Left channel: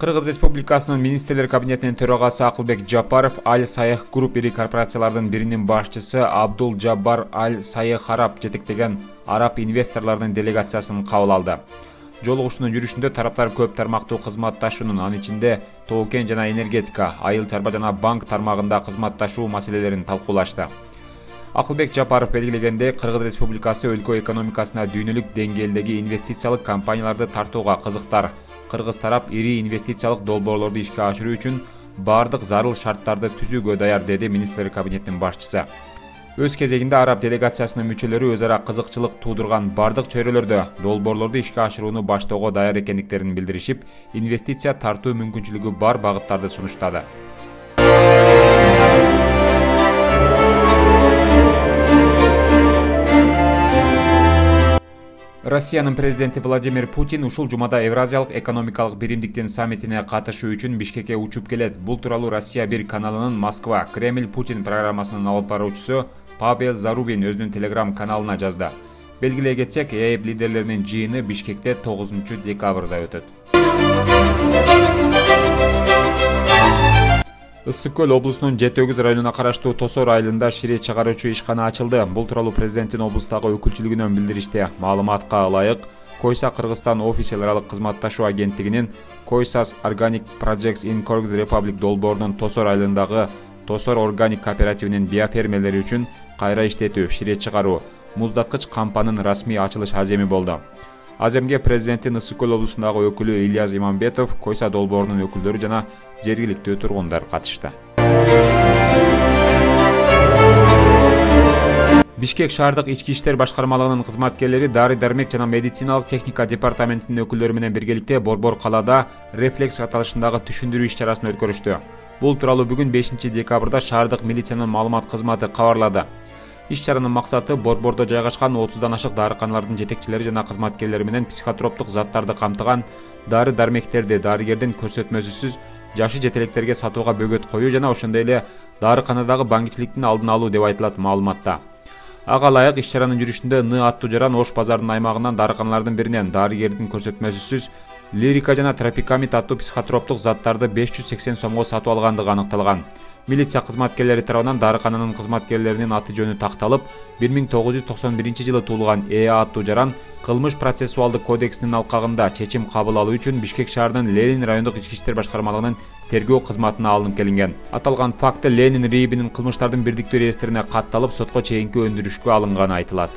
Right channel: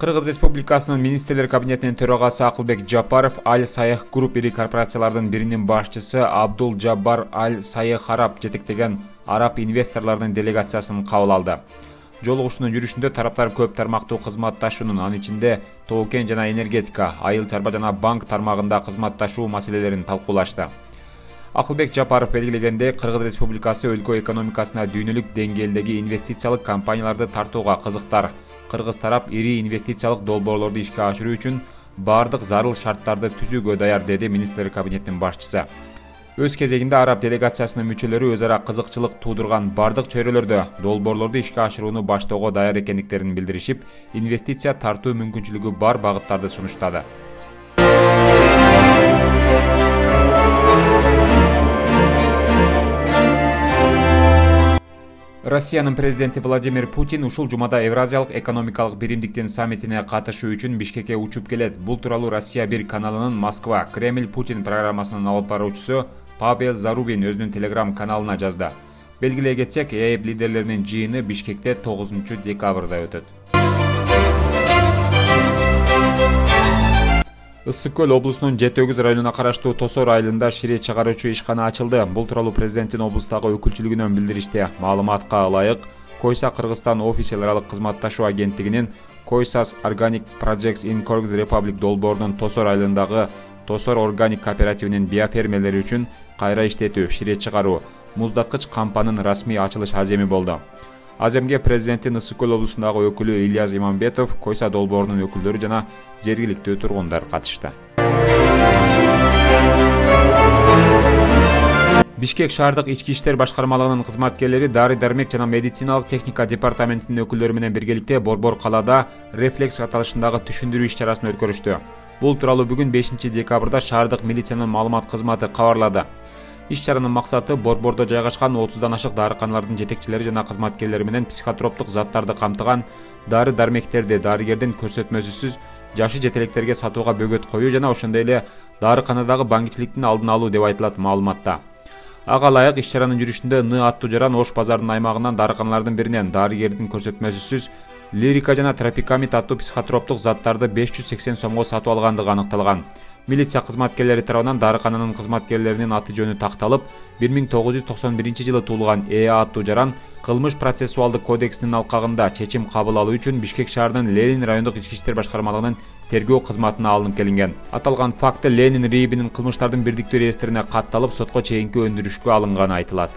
Кыргыз Республикасынын министрлер кабинетинин төрагасы Акылбек Жапаров Аль Сайх Групп ири корпорациялардын биринин башчысы Абдул Жаббар Аль Сайх жетектеген араб инвесторлордун делегациясын кабыл алды. Жолугушуунун жүрүшүндө тараптар көп тармактуу кызматташуунун, анын ичинде тоо-кен жана энергетика, айыл чарба жана банк тармагында кызматташуу маселелерин талкуулашты. Акылбек Жапаров белгилегендей, Кыргыз Республикасы өлкө экономикасына дүйнөлүк деңгээлдеги инвестициялык компанияларды тартууга кызыктар. Кыргыз тарап ири инвестициялык долбоорлорду ишке ашыруу үчүн бардык зарыл шарттарды түзүүгө даяр, деди министрлер кабинетинин башчысы. Өз кезегинде араб делегациясынын мүчөлөрү өз ара кызыкчылык туудурган бардык чөйрөлөрдө долбоорлорду ишке ашырууну баштоого даяр экендиктерин билдиришип, инвестиция тартуу мүмкүнчүлүгү бар багыттарды сунуштады. Россиянын президенти Владимир Путин ушул жумада Евразиялык экономикалык биримдиктин саммитине катышуу үчүн Бишкекке учуп келет. Бул тууралуу Россия 1 каналынын Москва Кремль Путин программасынын алып баруучусу Павел Зарубин өзүнүн телеграм каналына жазды. Белгилей кетсек, ЭЭП лидерлеринин жыйыны Бишкекте 9 декабрда өтөт. Ысык көл облусунун Жети-Өгүз районуна караштуу Тосор айылында шире чыгаруучу ишкана ачылды. Бул тууралуу президенттин облустагы өкүлчүлүгүнөн билдиришти. Маалыматка ылайык, Койса Кыргызстан офис аралык кызматташуу агенттигинин Koysas Organic Projects in Kyrgyz Republic долбоорунун Тосор айылындагы Тосор Органик кооперативинин биофермерлери үчүн кайра иштетүү, шире чыгаруу, муздаткыч кампанын расмий ачылыш аземи болду. Аземге президенттин Ысык көл облусундагы өкүлү Ильяс Иманбетов, Койса долбоорунун өкүлдөрү жана жергиликтүү тургундар катышты. Бишкек шаардык ички иштер башкармалыгынын кызматкерлери дары-дармек жана медициналык техника департаментинин өкүлдөрү менен биргеликте Борбор калаада рефлекс аталышындагы түшүндүрүү иш-чарасын өткөрүштү. Бул тууралуу бүгүн 5 декабрда шаардык милициянын маалымат кызматы кабарлады. Иш-чаранын максаты Борбордо жайгашкан 30дан ашык дарыканалардын жетекчилери жана кызматкерлери менен психотроптук заттарды камтыган дары-дармектерди дарыгердин көрсөтмөсүсүз жашы жетелектерге сатууга бөгөт коюу жана ошондой эле дарыканадагы баңгичиликтин алдын алуу деп айтылат маалыматта. Ага ылайык иш-чаранын жүрүшүндө Ны аттуу жаран Ош базарынын аймагынан дарыканалардын биринен дарыгердин көрсөтмөсүсүз Лирика жана Тропикамид аттуу психотроптук заттарды 580 сомго сатып алгандыгы аныкталган. Милиция кызматкерлери тарабынан дарыкананын кызматкерлеринин аты жөнү такталып, 1991-жылы туулган аттуу жаран кылмыш процессуалдык кодексинин алкагында чечим кабыл алуу үчүн Бишкек шаарынын Ленин райондук ички иштер башкармалыгынын тергөө кызматына алынып келинген. Аталган факты Ленин РИИБинин кылмыштардын бирдиктүү реестрине катталып, сотко чейинки өндүрүшкө алынганы айтылат.